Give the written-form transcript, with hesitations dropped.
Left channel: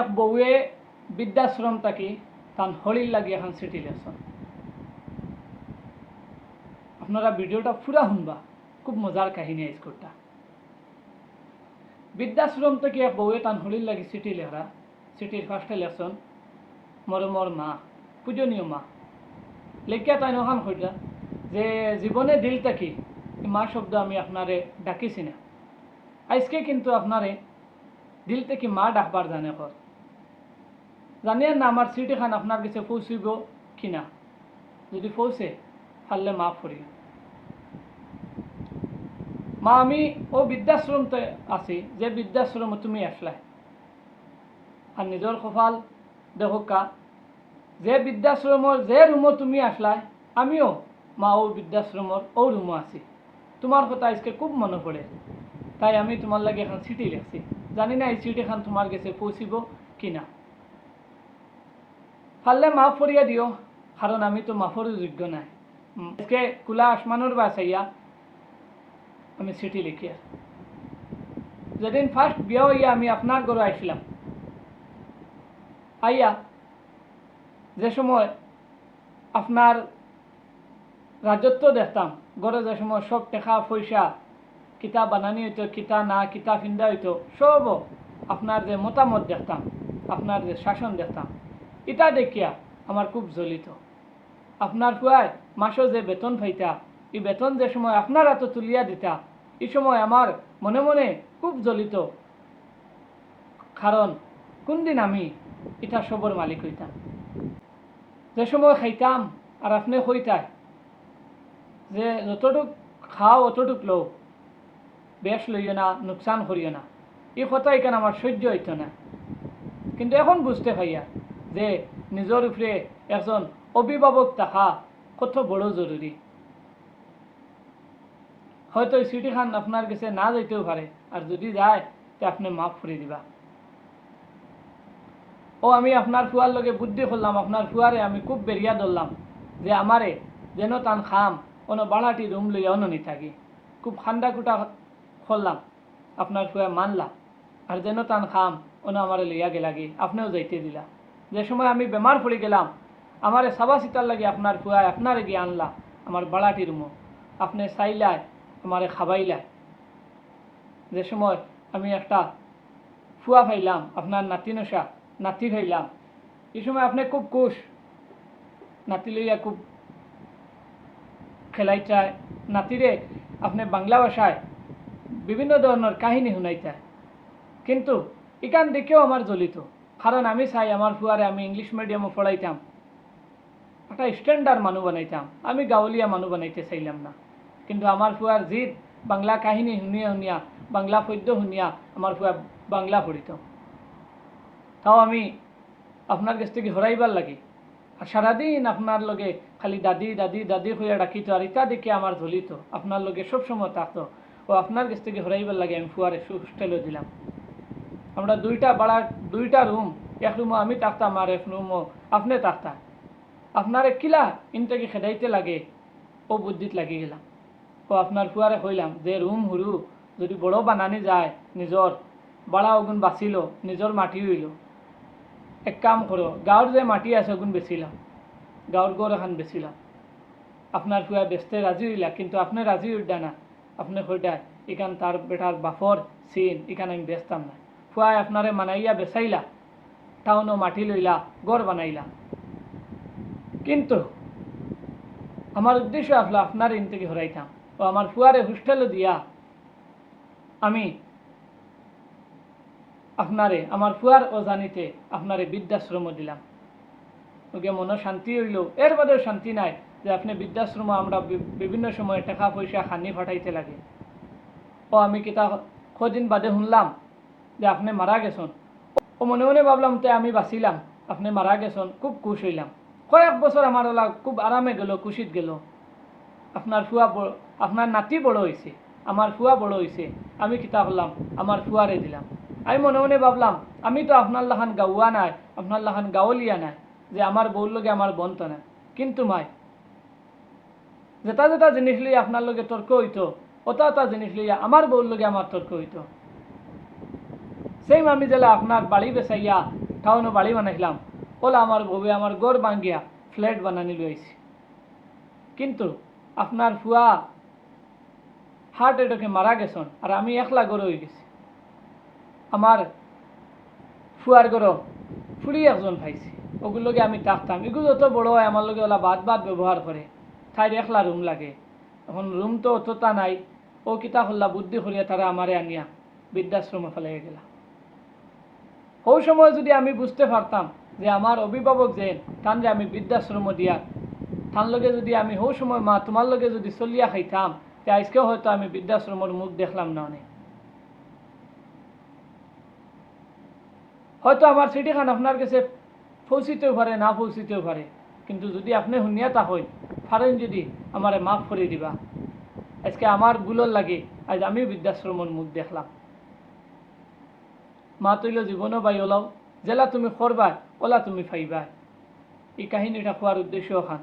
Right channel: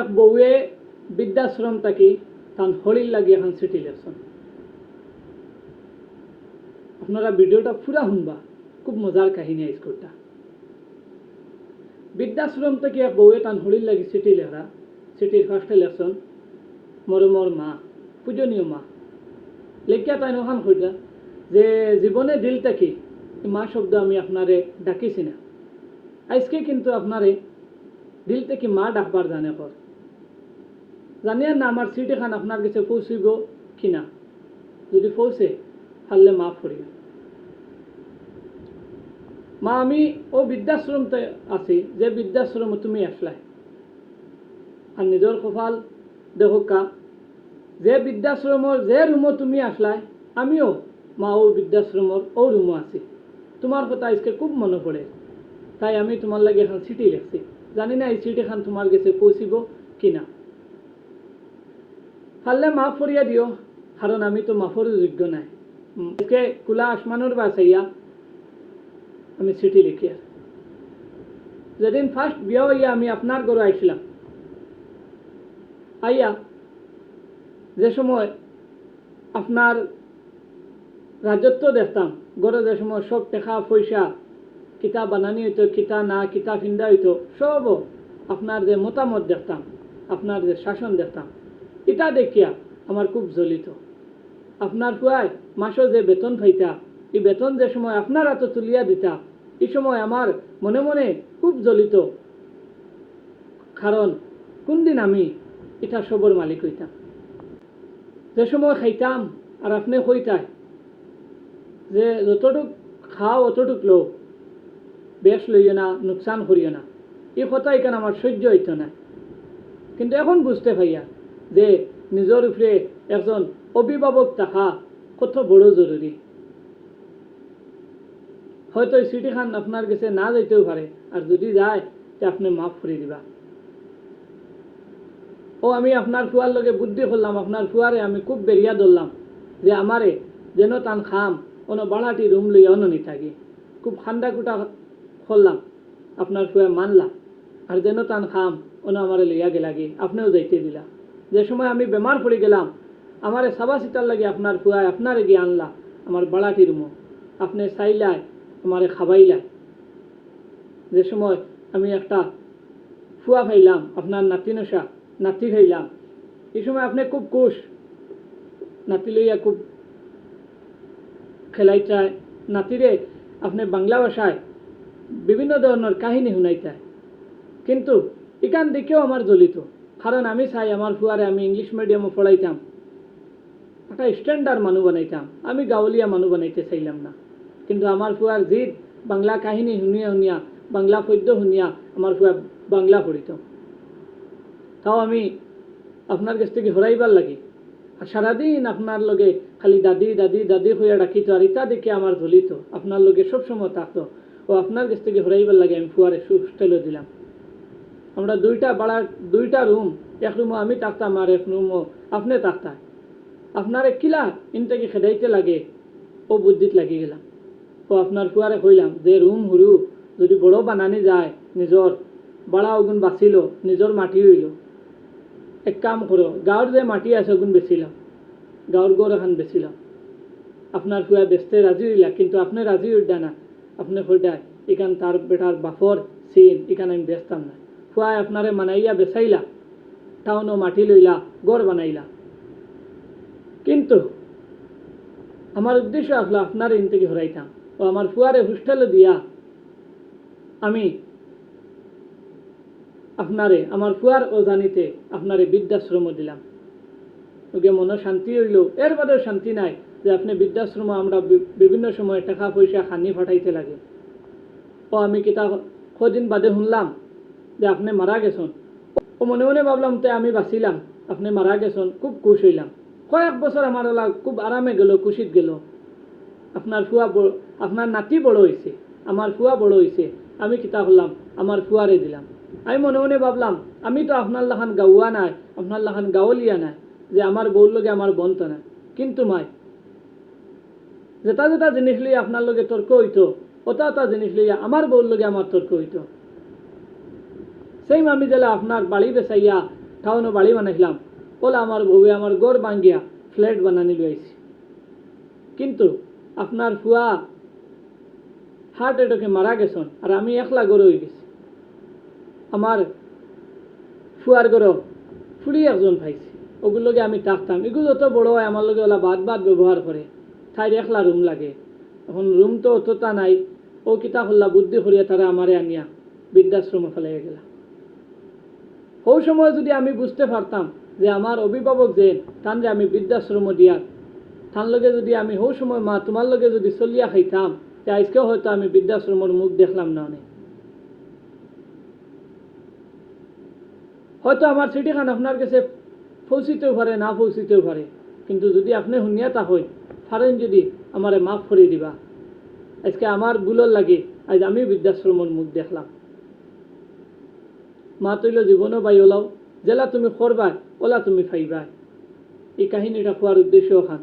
এক বউয়ে বৃদ্ধাশ্রম থাকি তান হলির লাগি এখন চিঠি লেখছেন। আপনারা ভিডিওটা পুরা শুনবা, খুব মজার কাহিনী আজকটা। বৃদ্ধাশ্রম থেকে এক বউয়ে তান হলির লাগি চিঠি লেখা। চিঠির ফার্স্টে লেখছেন, মরমর মা, পূজনীয় মা। লেখিয়া তাই নখান কইলা যে জীবনে দিল থাকি মা শব্দ আমি আপনারে ডাকিছি না, আজকে কিন্তু আপনারে দিল থেকে মা ডাকবার জানে কর। জানিয়া না আমার চিঠি খান আপনার কাছে পৌঁছিব কিনা, যদি পৌঁছে পারলে মাফ করিও। মা আমি ও বৃদ্ধাশ্রমতে আছি যে বৃদ্ধাশ্রম তুমি আসলাই, আর নিজের কপাল দেখোকা যে বৃদ্ধাশ্রমর যে রুমও তুমি আসলাই আমিও মা ও বৃদ্ধাশ্রমর ও রুমও আছি। তোমার কথা আজকে খুব মনে পড়ে, তাই আমি তোমার লাগে এখন চিঠি লিখছি। জানি না এই চিঠি খান তোমার কাছে পৌঁছিব কিনা, পারলে মাফ করিয়া দিও, কারণ আমি তো মাফর যোগ্য নাই। আজকে খোলা আসমানোর বাসাইয়া আমি চিঠি লিখিয়া। যেদিন ফার্স্ট বিয়া হইয়া আমি আপনার ঘরে আইছিলাম, আইয়া যে সময় আপনার রাজত্ব দেখতাম, ঘরে যে সময় সব টাকা পয়সা কিতা বানানি হইতো, কিতা না কিতা ফিন্দা হইতো, সবও আপনার যে মতামত দেখতাম, আপনার যে শাসন দেখতাম, এটা দেখিয়া আমার খুব জ্বলিত। আপনার ফুয়ায় মাসও যে বেতন পাইতা, এই বেতন যে সময় আপনার হাতে তুলিয়া দিতা, এই সময় আমার মনে মনে খুব জ্বলিত, কারণ কোন দিন আমি এটা সবর মালিক হইতাম। যে সময় খাইতাম আর আপনি হইতায় যে যতটুক খাও অতটুক লো, বেশ লইও না, নুকসান করিও না, এই কথা এখানে আমার সহ্য হইত না। কিন্তু এখন বুঝতে পাইয়া যে নিজের উপরে একজন অভিভাবক থাকা কত বড় জরুরি। হয়তো এই চিঠি খান আপনার কাছে না যাইতেও পারে, আর যদি যায় তো আপনি মাফ করে দিবা। ও আমি আপনার ফুয়ার লগে বুদ্ধি করলাম, আপনার ফুয়ারে আমি খুব বেরিয়া ধরলাম যে আমারে যেন তান খাম অন্য বাড়াটি রুম লইয়া অননি থাকি। খুব খান্ডা কুটা করলাম, আপনার ফুয়া মানলা, আর যেন তান খাম অন্য আমারে লইয়া গেলাগে, আপনিও যাইতে দিলা। যে সময় আমি বেমার পড়ে গেলাম, আমারে সাবা সিটার লাগে আপনার ফুয়ায় আপনারে গিয়ে আনলা আমার বাড়াটি রুমও, আপনি চাইলাই আমারে খাবাইলাই। যে সময় আমি একটা ফুয়া খাইলাম, আপনার নাতি নশা নাতি খাইলাম, এই সময় আপনি খুব খুশ, নাতি লইয়া খুব খেলাই চায়, নাতিরে আপনি বাংলা ভাষায় বিভিন্ন ধরনের কাহিনী শুনাইতায়। কিন্তু এখান দিকেও আমার জ্বলিত, কারণ আমি চাই আমার ফুয়ারে আমি ইংলিশ মিডিয়ামে পড়াইতাম, একটা স্ট্যান্ডার্ড মানুষ বানাইতাম, আমি গাঁৱলীয়া মানুষ বানাইতে চাইলাম না। কিন্তু আমার ফুয়ার জিদ, বাংলা কাহিনী শুনিয়া শুনিয়া, বাংলা পদ্য শুনিয়া আমার ফুয়া বাংলা পড়িত। তাও আমি আপনার কাছ থেকে হরাইবার লাগে, আর সারাদিন আপনার লগে খালি দাদি দাদি দাদি হইয়া ডাকিত, আর ইটা দেখে আমার জ্বলিত, আপনার লগে সবসময় থাকতো। ও আপনার কাছ থেকে হরাইবার লাগে আমি ফুয়ারে হোস্টেলও দিলাম। আমরা দুইটা রুম, এক রুমও আমি থাকতাম আর এক রুমও আপনি থাকতাম। আপনারে কিলা ইনটাকে খেদাইতে লাগে ও বুদ্ধিত লাগি গেলাম। ও আপনার ফুয়ারে কইলাম যে রুম হুরু যদি বড় বানানি যায়, নিজর বাড়া ওগুন বাঁচিল, নিজর মাটি হইল, এক কাম করো গাঁৱৰ যে মাটি আছে ওগুন বেচিলাম, গাঁৱৰ গড় এখন বেচিলাম। আপনার ফুয়া বেচতে রাজি হইলা, কিন্তু আপনি রাজি হইডা না, আপনি কইডা এখান তার বেটার বাফর সিন, এখানে আমি বেচতাম না। ফুয়ায় আপনারে মানাইয়া বেচাইলা, টাউনও মাটি লইলা, গড় বানাইলা। কিন্তু আমার উদ্দেশ্য আসলো আপনার ইন থেকে হরাইতাম, ও আমার ফুয়ারে হোস্টেলে দিয়া আমি আপনারে আমার ফুয়ার অজানিতে আপনারে বৃদ্ধাশ্রম দিলাম। ওকে মনে শান্তি হইল, এর বাদেও শান্তি নাই যে আপনি বৃদ্ধাশ্রম আমরা বিভিন্ন সময় টাকা পয়সা খানি ফাটাইতে লাগে। ও আমি কিতা কদিন বাদে শুনলাম যে আপনি মারা গেছেন। ও মনে মনে ভাবলাম তো আমি বাঁচিলাম, আপনি মারা গেছেন, খুব খুশ হইলাম। কয়েক বছর আমার ওলা খুব আরামে গেল, খুশিত গেল। আপনার ফুয়া আপনার নাতি বড় হয়েছে, আমার ফুয়া বড় হয়েছে, আমি কিতা করলাম আমার ফুয়ারে দিলাম। আমি মনে মনে ভাবলাম আমি তো আপনার লাখান গাওয়া নাই, আপনার লাখান গাঁৱলীয়া নাই যে আমার বউর লগে আমার বন্ত না। কিন্তু মাই যেটা যেটা জিনিস লইয়া আপনার লগে তর্ক হইতো, ওটা ওটা জিনিস লইয়া আমার বউর লগে আমার তর্ক হইতো। সেই আমি জেলা আপনার বাড়ি বেচাইয়া টাউনে বাড়ি বানাইলাম, ওলা আমার বউয়ে আমার গড় ভাঙ্গিয়া ফ্ল্যাট বানানি লইছি। কিন্তু আপনার ফুয়া হার্ট অ্যাটাকে মারা গেছেন, আর আমি একলা গড়ে হয়ে গেছি। আমার ফুয়ার গড় ফুড়ি একজন পাইছি, ওগুলোকে আমি থাকতাম। এগুলো যত বড় হয় আমার লগে ওলা বাদ ব্যবহার করে, তাই একলা রুম লাগে। এখন রুম তো অতটা নাই, ও কিতা হল্লা বুদ্ধি করিয়া তারা আমারে আনিয়া বৃদ্ধাশ্রমে ফেলে গেলা। ওই সময় যদি আমি বুঝতে পারতাম যে আমার অভিভাবক যে তান যে আমি বৃদ্ধাশ্রম দিয়া, তার লগে যদি আমি ওই সময় মা তোমার লগে যদি চলিয়া খাইতাম, যে আজকেও হয়তো আমি বৃদ্ধাশ্রমের মুখ দেখলাম না। অনেক হয়তো আমার চিঠিখান আপনার কাছে পৌঁছিতেও পারে, না পৌঁছিতেও পারে, কিন্তু যদি আপনি শুনিয়া তা হই পারেন, যদি আমারে মাফ করে দিবা। আজকে আমার ভুলের লাগে আজ আমি বৃদ্ধাশ্রমের মুখ দেখলাম। মা তৈল জীবনও বাই ওলাও, জেলা তুমি করবা ওলা তুমি ফাইবা। এই কাহিনীটা খোয়ার উদ্দেশ্য খান।